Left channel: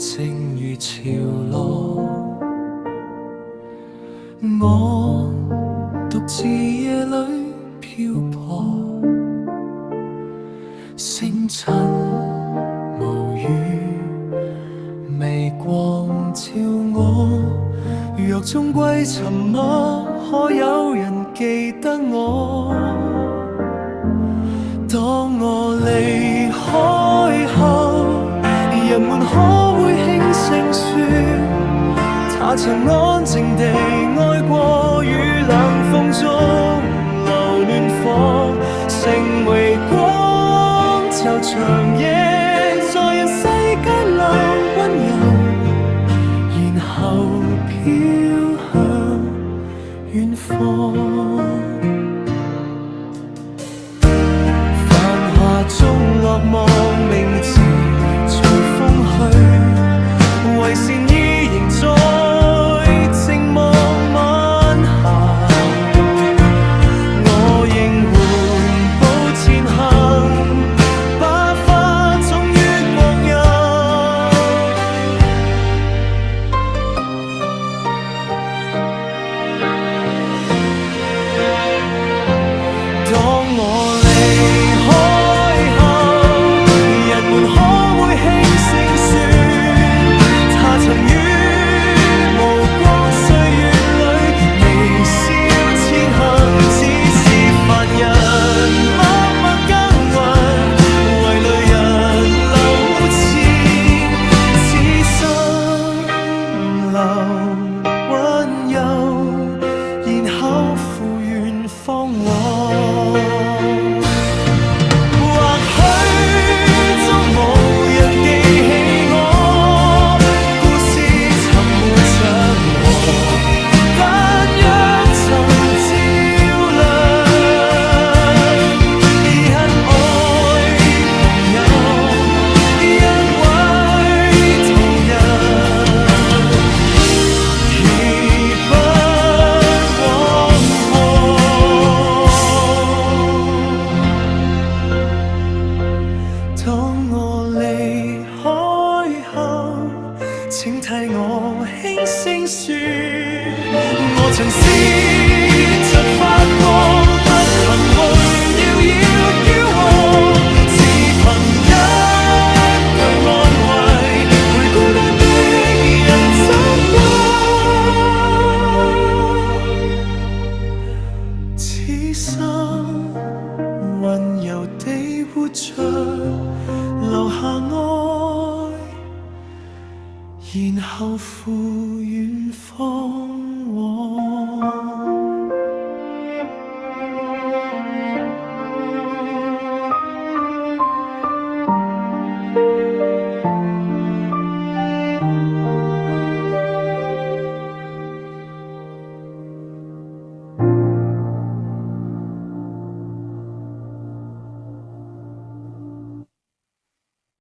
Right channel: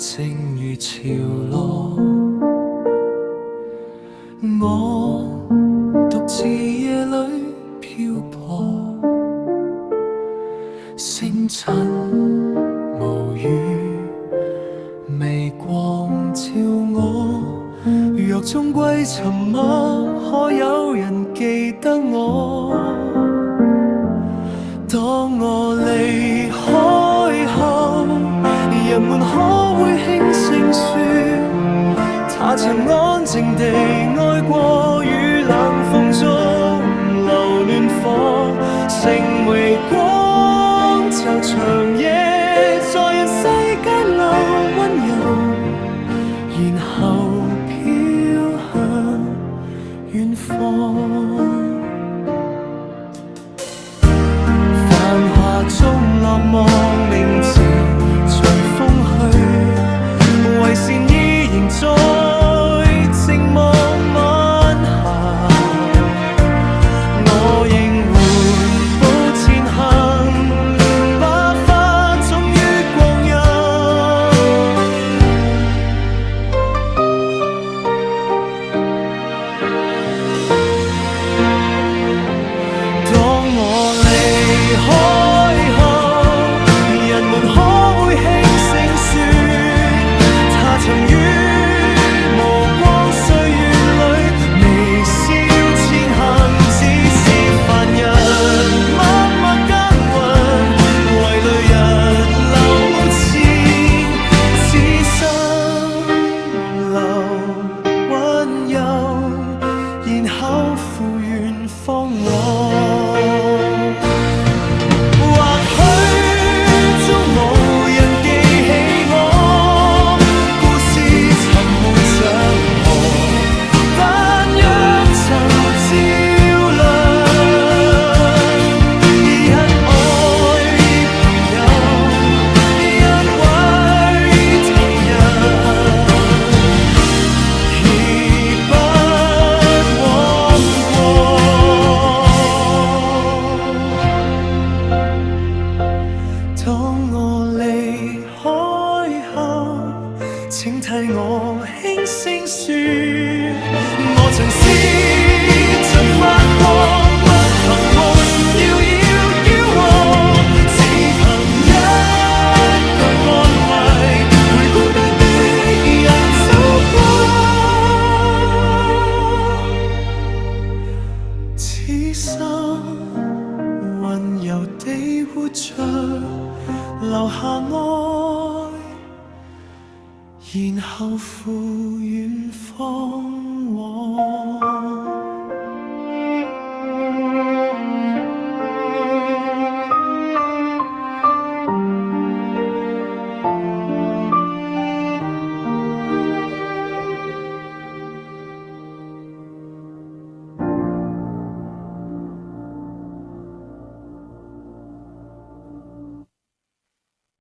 正如潮落。我獨自夜裏漂泊，星塵無語，微光照我。若終歸沉默，可有人記得我？當我離開後，人們可會輕聲說，他曾安靜地愛過，於冷風中留暖火，成微光，就長夜在人世間留溫柔，然後飄向遠方。繁華中落寞，名字隨風去，為善意仍在靜望晚霞。我仍緩步前行，把花種於光陰。當我離開後，人們可會輕聲說，他曾於無光歲月裏微笑前行，只是凡人默默耕耘，為累人流前，此生留溫柔，然後赴遠方往。或許終無人記起我，故事沉沒長河，但若曾照亮，因愛朋友，因為途人，已不枉過。當我離開後，請替我輕聲說，我曾試着發光，不憑榮耀要驕傲，只憑一句安慰，陪孤單的人走過。此生溫柔地活着，留下愛，然後赴遠方往。